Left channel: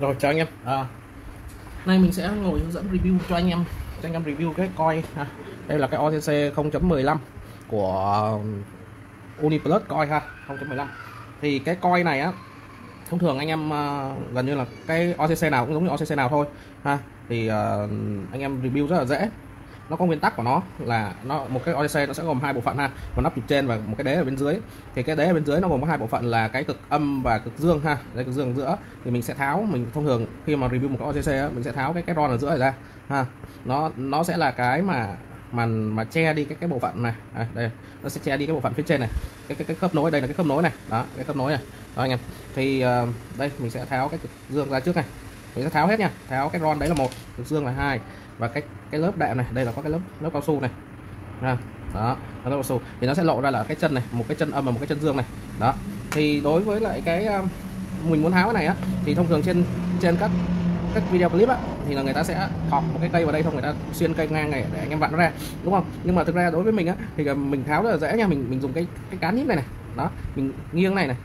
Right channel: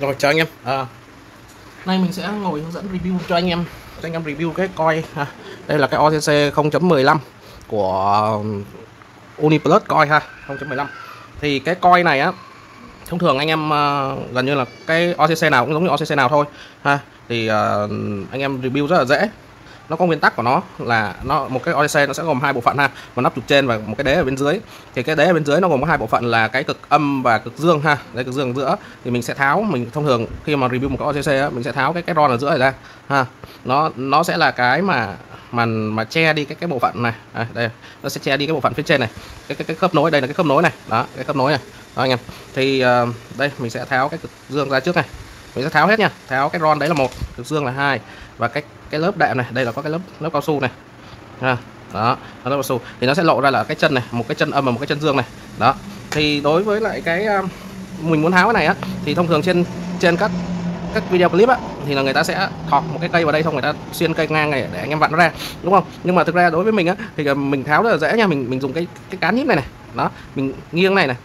Rồi chào anh em. Nay mình sẽ ngồi hướng dẫn review cho anh em review cái coil ha. Đây là cái OCC 0.15 của Uniplus coil ha, 0.15. Thì cái coil này á, thông thường anh em gần như là cái OCC nào cũng giống như OCC nào thôi ha. Thì anh em review rất là dễ. Nó có nguyên tắc của nó là một cái OCC nó sẽ gồm hai bộ phận ha, một nắp trục trên và một cái đế ở bên dưới. Thì cái đế ở bên dưới nó gồm có hai bộ phận là cái cực âm và cực dương ha. Đây, cực dương ở giữa thì mình sẽ tháo, mình thông thường khi mà review một cái OCC á, mình sẽ tháo cái ron ở giữa này ra ha. Nó sẽ là cái mà che đi cái bộ phận này. Đây, nó sẽ che đi cái bộ phận phía trên này, cái khớp nối. Đây là cái khớp nối này, đó, cái khớp nối này đó anh em. Thì đây mình sẽ tháo cái cực dương ra trước này, mình sẽ tháo hết nha. Tháo cái ron đấy là một, cực dương là hai, và cái lớp đệm này, đây là có cái lớp cao su này ha. Đó, lớp cao su thì nó sẽ lộ ra là cái chân này, một cái chân âm và một cái chân dương này đó. Thì đối với lại cái mình muốn tháo cái này á, thì thông thường trên các video clip á, thì là người ta sẽ thọt một cái cây vào đây, xong người ta xuyên cây ngang này để anh em vặn nó ra, đúng không? Nhưng mà thực ra đối với mình á, thì mình tháo rất là dễ nha. Mình dùng cái cán nhíp này này, đó, mình nghiêng này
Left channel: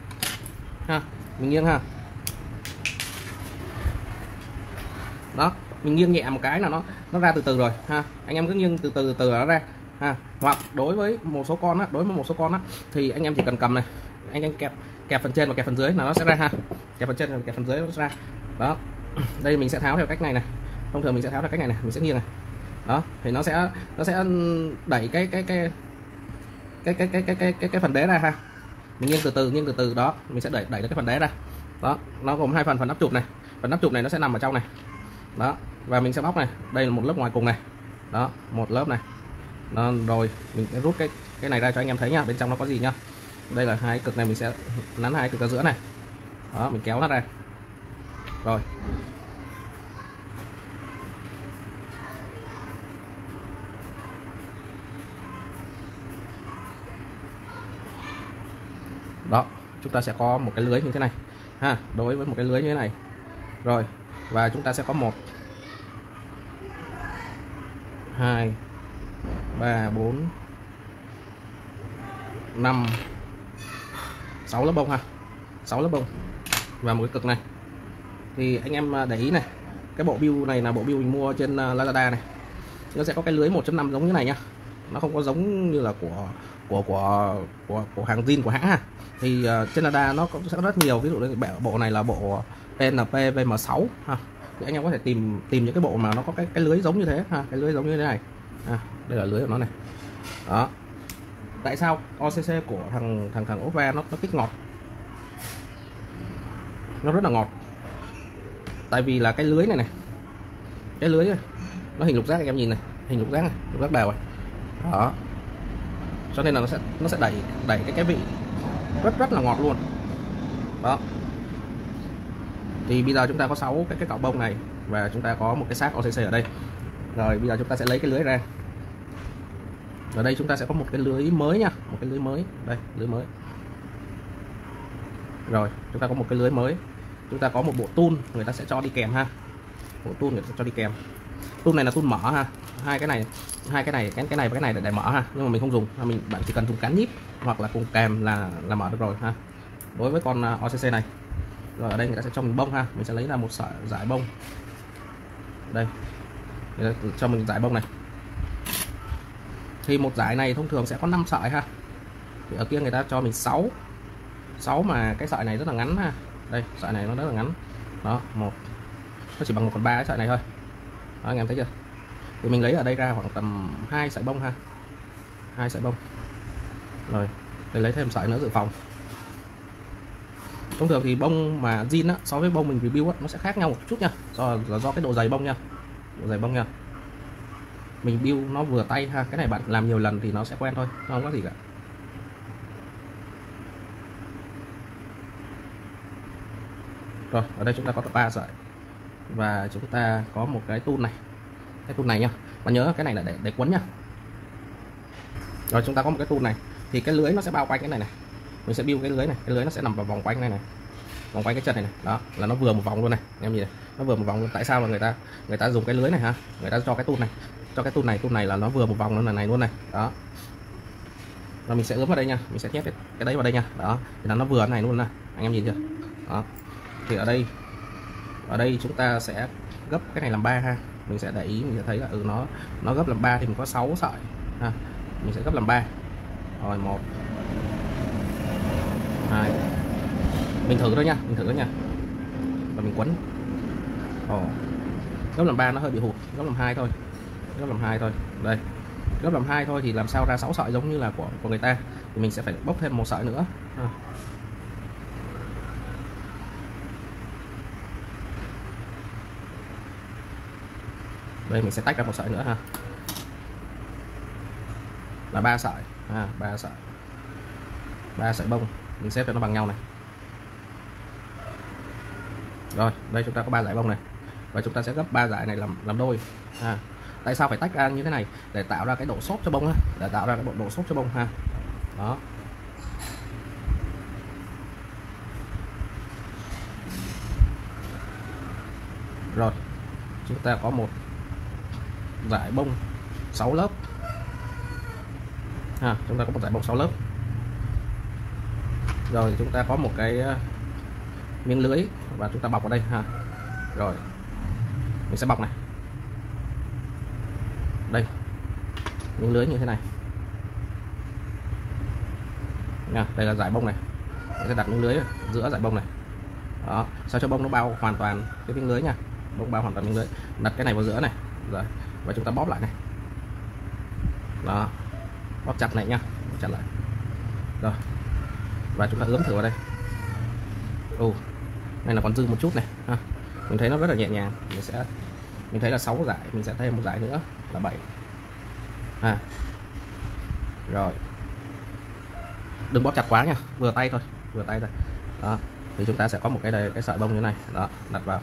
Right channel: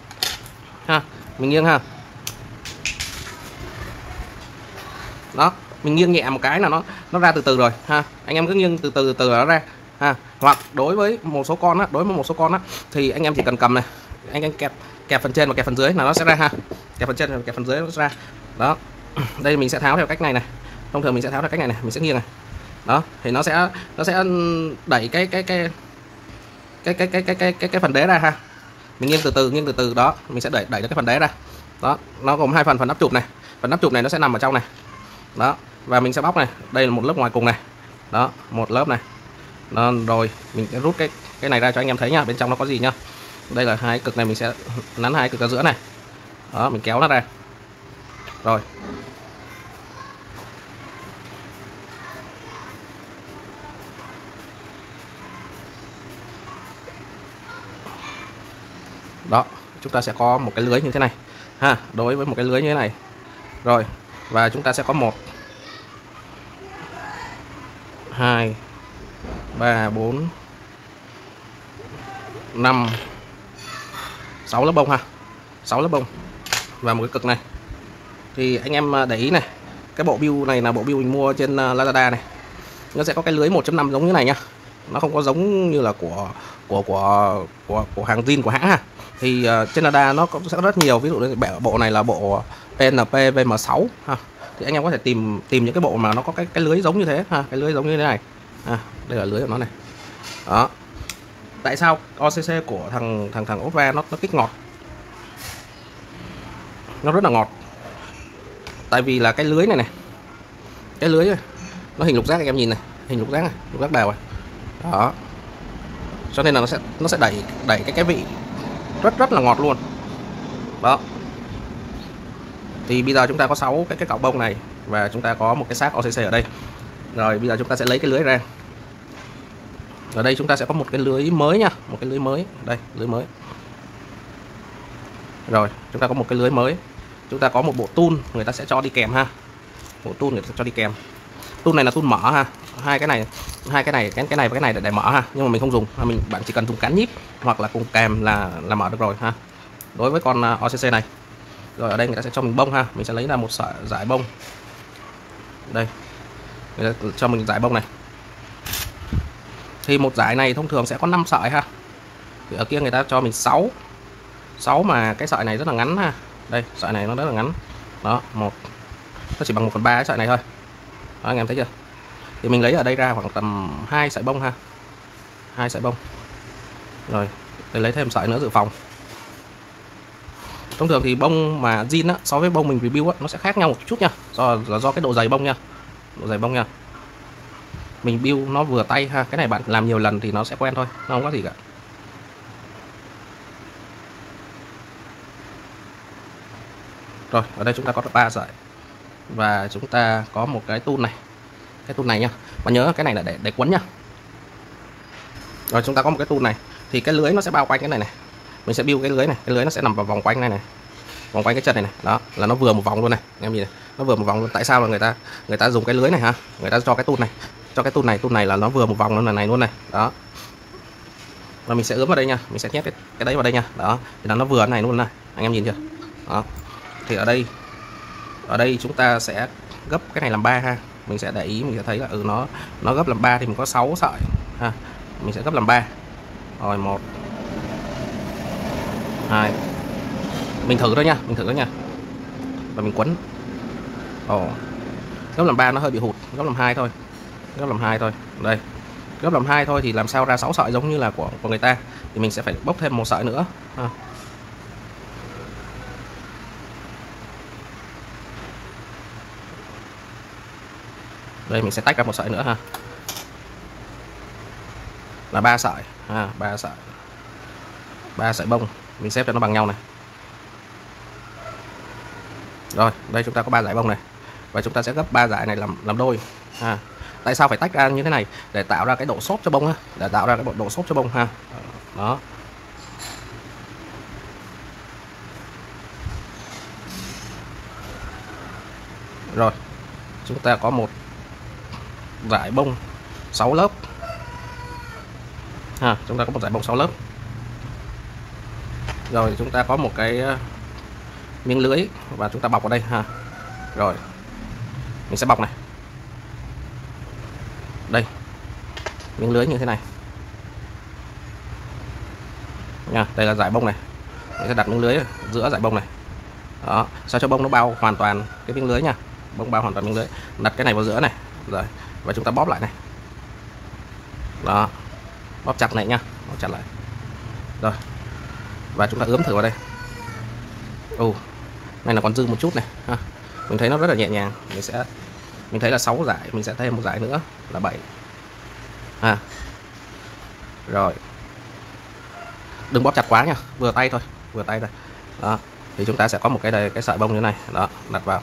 ha, mình nghiêng ha, đó, mình nghiêng nhẹ một cái là nó ra từ từ rồi ha. Anh em cứ nghiêng từ từ nó ra ha. Hoặc đối với một số con á, thì anh em chỉ cần cầm này, anh em kẹp phần trên và kẹp phần dưới là nó sẽ ra ha. Kẹp phần trên và kẹp phần dưới nó sẽ ra đó. Đây mình sẽ tháo theo cách này này, thông thường mình sẽ tháo theo cách này này, mình sẽ nghiêng này đó, thì nó sẽ đẩy cái phần đế ra ha. Mình nghiêng từ từ đó, mình sẽ đẩy cái phần đế ra đó. Nó gồm hai phần nắp chụp này, phần nắp chụp này nó sẽ nằm ở trong này đó, và mình sẽ bóc này, đây là một lớp ngoài cùng này đó, một lớp này đó. Rồi mình sẽ rút cái này ra cho anh em thấy nha, bên trong nó có gì nhá. Đây là hai cực này, mình sẽ nắn hai cực ở giữa này đó, mình kéo nó ra rồi. Đó, chúng ta sẽ có một cái lưới như thế này ha. Đối với một cái lưới như thế này rồi, và chúng ta sẽ có 1 2 3 4 5 6 lớp bông ha, 6 lớp bông và một cái cực này. Thì anh em để ý này, cái bộ bill này là bộ bill mình mua trên Lazada này, nó sẽ có cái lưới 1.5 giống như này nha. Nó không có giống như là của hàng zin của hãng ha. Thì trên Lazada nó sẽ rất nhiều, ví dụ như bộ này là bộ PNP VM6 ha. Thì anh em có thể tìm những cái bộ mà nó có cái lưới giống như thế ha, cái lưới giống như thế này ha. Đây là lưới của nó này đó. Tại sao OCC của thằng Opva nó kích ngọt, nó rất là ngọt? Tại vì là cái lưới này, cái lưới này, nó hình lục giác, anh em nhìn này, hình lục giác này, lục giác đều này đó, cho nên là nó sẽ đẩy cái vị rất là ngọt luôn đó. Thì bây giờ chúng ta có 6 cái cọc bông này, và chúng ta có một cái xác OCC ở đây. Rồi bây giờ chúng ta sẽ lấy cái lưới ra. Ở đây chúng ta sẽ có một cái lưới mới nha, một cái lưới mới đây, lưới mới. Rồi chúng ta có một cái lưới mới, chúng ta có một bộ tool người ta sẽ cho đi kèm ha. Bộ tool người ta sẽ cho đi kèm. Tool này là tool mở ha, cái này và cái này để mở ha, nhưng mà mình không dùng, bạn chỉ cần dùng cán nhíp hoặc là cùng kèm là mở được rồi ha, đối với con OCC này. Rồi ở đây người ta sẽ cho mình bông ha, mình sẽ lấy ra một sợi dải bông. Đây, người ta cho mình dải bông này. Thì một dải này thông thường sẽ có 5 sợi ha. Thì ở kia người ta cho mình 6 mà cái sợi này rất là ngắn ha. Đây, sợi này nó rất là ngắn. Đó, nó chỉ bằng 1/3 cái sợi này thôi. Đó, anh em thấy chưa? Thì mình lấy ở đây ra khoảng tầm 2 sợi bông ha. 2 sợi bông. Rồi, để lấy thêm sợi nữa dự phòng. Thông thường thì bông mà zin á, so với bông mình review á, nó sẽ khác nhau một chút nha. Do cái độ dày bông nha. Độ dày bông nha. Mình build nó vừa tay ha, cái này bạn làm nhiều lần thì nó sẽ quen thôi, nó không có gì cả. Rồi, ở đây chúng ta có 3 sợi. Và chúng ta có một cái tool này. Cái tool này nha. Và nhớ cái này là để quấn nha. Rồi chúng ta có một cái tool này, thì cái lưới nó sẽ bao quanh cái này này. Mình sẽ build cái lưới này, cái lưới nó sẽ nằm vào vòng quanh này, vòng quanh cái chân này. Đó, là nó vừa một vòng luôn này. Em nhìn này, nó vừa một vòng luôn. Tại sao là người ta dùng cái lưới này ha? Người ta cho cái tool này. Cho cái tool này là nó vừa một vòng luôn, này luôn này. Đó. Và mình sẽ ướm vào đây nha, mình sẽ nhét cái đấy vào đây nha. Đó, thì là nó vừa này luôn này. Anh em nhìn chưa? Đó. Thì ở đây Ở đây chúng ta sẽ gấp cái này làm 3 ha. Mình sẽ để ý, mình sẽ thấy là nó gấp làm 3 thì mình có 6 sợi ha. Mình sẽ gấp làm 3. Rồi 1 2. Mình thử thôi nha, và mình quấn. Gấp làm 3 nó hơi bị hụt, gấp làm 2 thôi. Đây. Gấp làm 2 thôi thì làm sao ra 6 sợi giống như là của người ta, thì mình sẽ phải bốc thêm một sợi nữa ha. Đây mình sẽ tách ra một sợi nữa ha, là 3 sợi ha, 3 sợi bông, mình xếp cho nó bằng nhau này. Rồi đây chúng ta có 3 dải bông này, và chúng ta sẽ gấp 3 dải này làm đôi ha. Tại sao phải tách ra như thế này? Để tạo ra cái độ xốp cho bông ha, đó. Rồi chúng ta có một dải bông 6 lớp ha, rồi chúng ta có một cái miếng lưới và chúng ta bọc vào đây ha. Rồi mình sẽ bọc này, đây miếng lưới như thế này nha. Đây là dải bông này, mình sẽ đặt miếng lưới giữa dải bông này, đó, sao cho bông nó bao hoàn toàn cái miếng lưới nha, bông bao hoàn toàn miếng lưới. Đặt cái này vào giữa này, rồi và chúng ta bóp lại này, đó, bóp chặt này nha, bóp chặt lại. Rồi và chúng ta ướm thử vào đây. Này là còn dư một chút này ha, mình thấy nó rất là nhẹ nhàng. Mình thấy là 6 dải, mình sẽ thêm một dải nữa là 7 ha. Rồi đừng bóp chặt quá nha, vừa tay thôi, đó. Thì chúng ta sẽ có một cái sợi bông như thế này, đó, đặt vào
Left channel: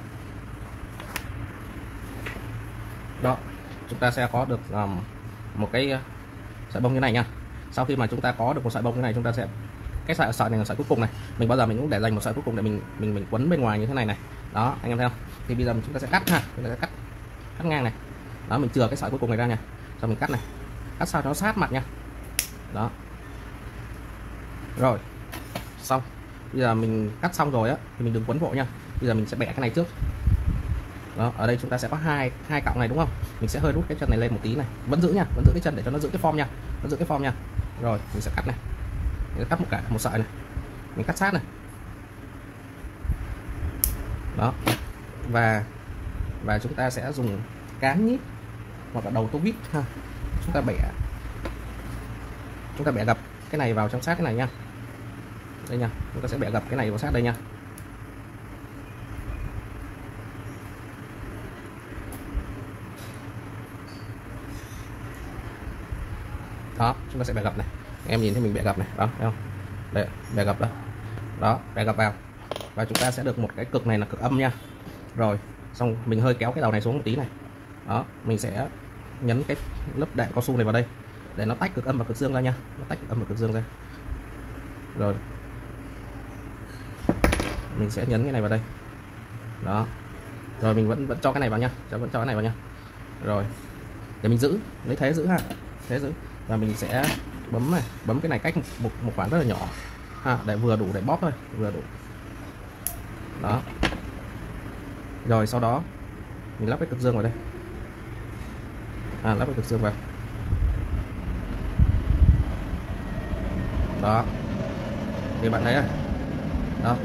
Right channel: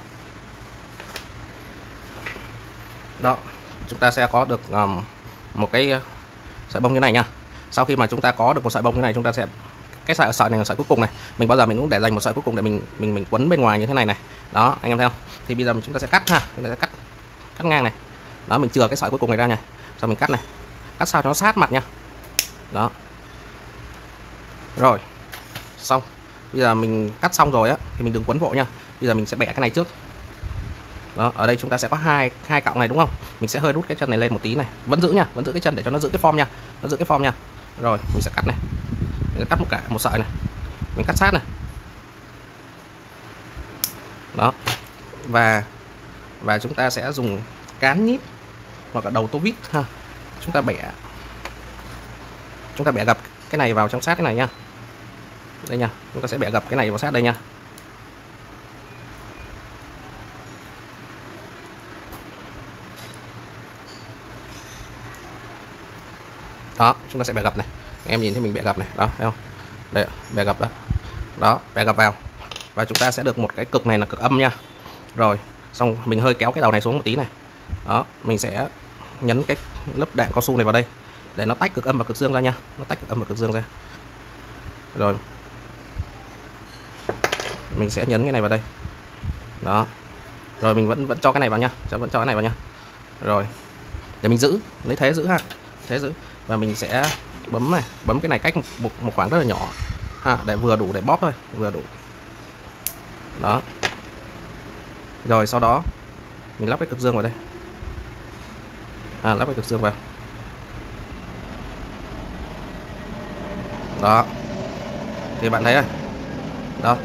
đó. Chúng ta sẽ có được một cái sợi bông như này nha. Sau khi mà chúng ta có được một sợi bông như này, chúng ta sẽ cái sợi này là sợi cuối cùng này, mình bao giờ mình cũng để dành một sợi cuối cùng để mình quấn bên ngoài như thế này này, đó anh em thấy không? Thì bây giờ chúng ta sẽ cắt ha, chúng ta sẽ cắt ngang này, đó, mình chừa cái sợi cuối cùng này ra nha, xong mình cắt này, cắt sao cho nó sát mặt nha, đó. Rồi xong, bây giờ mình cắt xong rồi á thì mình đừng quấn vội nha. Bây giờ mình sẽ bẻ cái này trước, đó. Ở đây chúng ta sẽ có hai cọng này đúng không, mình sẽ hơi rút cái chân này lên một tí này, vẫn giữ cái chân để cho nó giữ cái form nha, rồi mình sẽ cắt này, mình cắt một sợi này, mình cắt sát này, đó. Và chúng ta sẽ dùng cán nhíp hoặc là đầu tô vít ha, chúng ta bẻ gập cái này vào trong sát cái này nha, đây nha, chúng ta sẽ bẻ gập cái này vào sát đây nha. Đó, chúng ta sẽ bẻ gập này, em nhìn thấy mình bẻ gập này, đó thấy không, đây, bẻ gập đó, bẻ gập vào, và chúng ta sẽ được một cái cực này là cực âm nha. Rồi xong mình hơi kéo cái đầu này xuống một tí này, đó, mình sẽ nhấn cái lớp đạn cao su này vào đây để nó tách cực âm và cực dương ra nha, rồi mình sẽ nhấn cái này vào đây, đó, rồi mình vẫn cho cái này vào nha, rồi để mình lấy thế giữ ha, và mình sẽ bấm cái này cách một khoảng rất là nhỏ ha, để vừa đủ để bóp thôi, đó. Rồi sau đó mình lắp cái cực dương vào đây, lắp cái cực dương vào, đó, thì bạn thấy này, đó,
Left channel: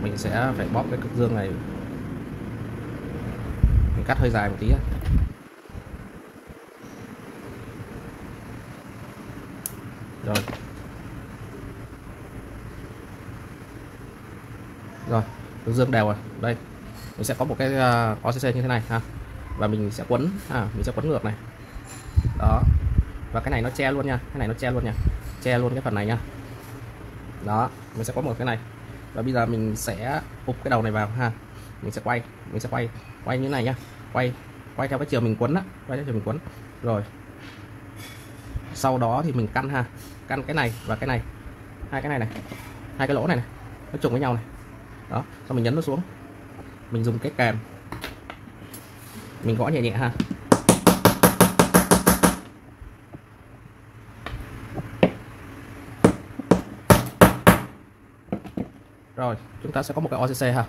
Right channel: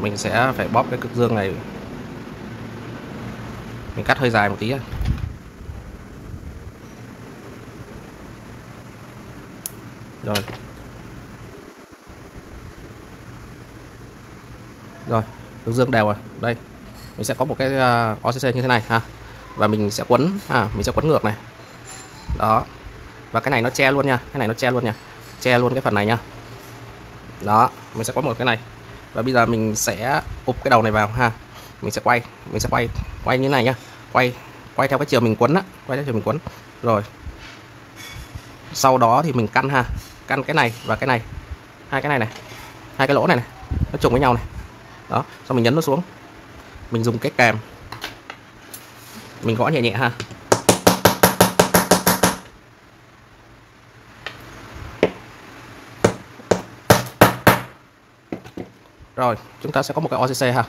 mình sẽ phải bóp cái cực dương này, mình cắt hơi dài một tí. Rồi cực dương đều rồi, đây mình sẽ có một cái OCC như thế này ha, và mình sẽ quấn ngược này, đó, và cái này nó che luôn nha, che luôn cái phần này nha, đó. Mình sẽ có một cái này, và bây giờ mình sẽ ụp cái đầu này vào ha, mình sẽ quay như này nhá, quay theo cái chiều mình quấn á, rồi sau đó thì mình căn cái này và cái này, hai cái lỗ này nó trùng với nhau này, đó. Xong mình nhấn nó xuống, mình dùng cái kèm mình gõ nhẹ nhẹ ha, rồi chúng ta sẽ có một cái OCC ha,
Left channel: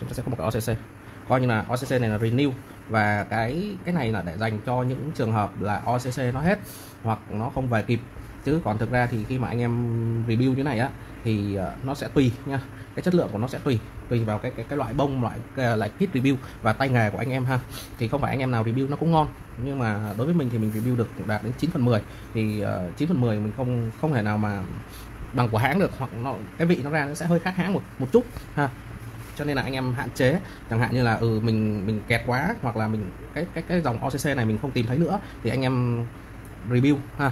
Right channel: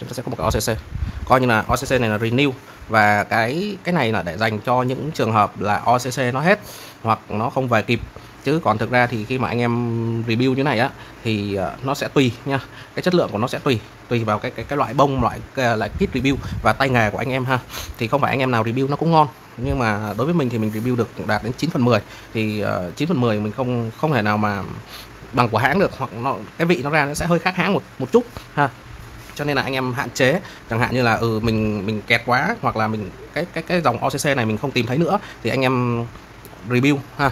chúng ta sẽ có một cái OCC, coi như là OCC này là renew, và cái này là để dành cho những trường hợp là OCC nó hết hoặc nó không về kịp. Chứ còn thực ra thì khi mà anh em review như này á thì nó sẽ tùy nha, cái chất lượng của nó sẽ tùy vào cái loại bông, loại kit review và tay nghề của anh em ha. Thì không phải anh em nào review nó cũng ngon, nhưng mà đối với mình thì mình review được đạt đến 9/10, thì 9/10 mình không thể nào mà bằng của hãng được, hoặc cái vị nó ra nó sẽ hơi khác hãng một chút ha. Cho nên là anh em hạn chế, chẳng hạn như là mình kẹt quá, hoặc là mình cái dòng OCC này mình không tìm thấy nữa thì anh em review ha.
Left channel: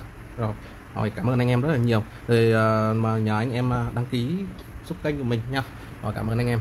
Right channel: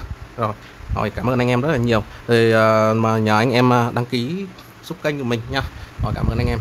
Rồi cảm ơn anh em rất là nhiều. Rồi mà nhờ anh em đăng ký giúp kênh của mình nha. Rồi cảm ơn anh em.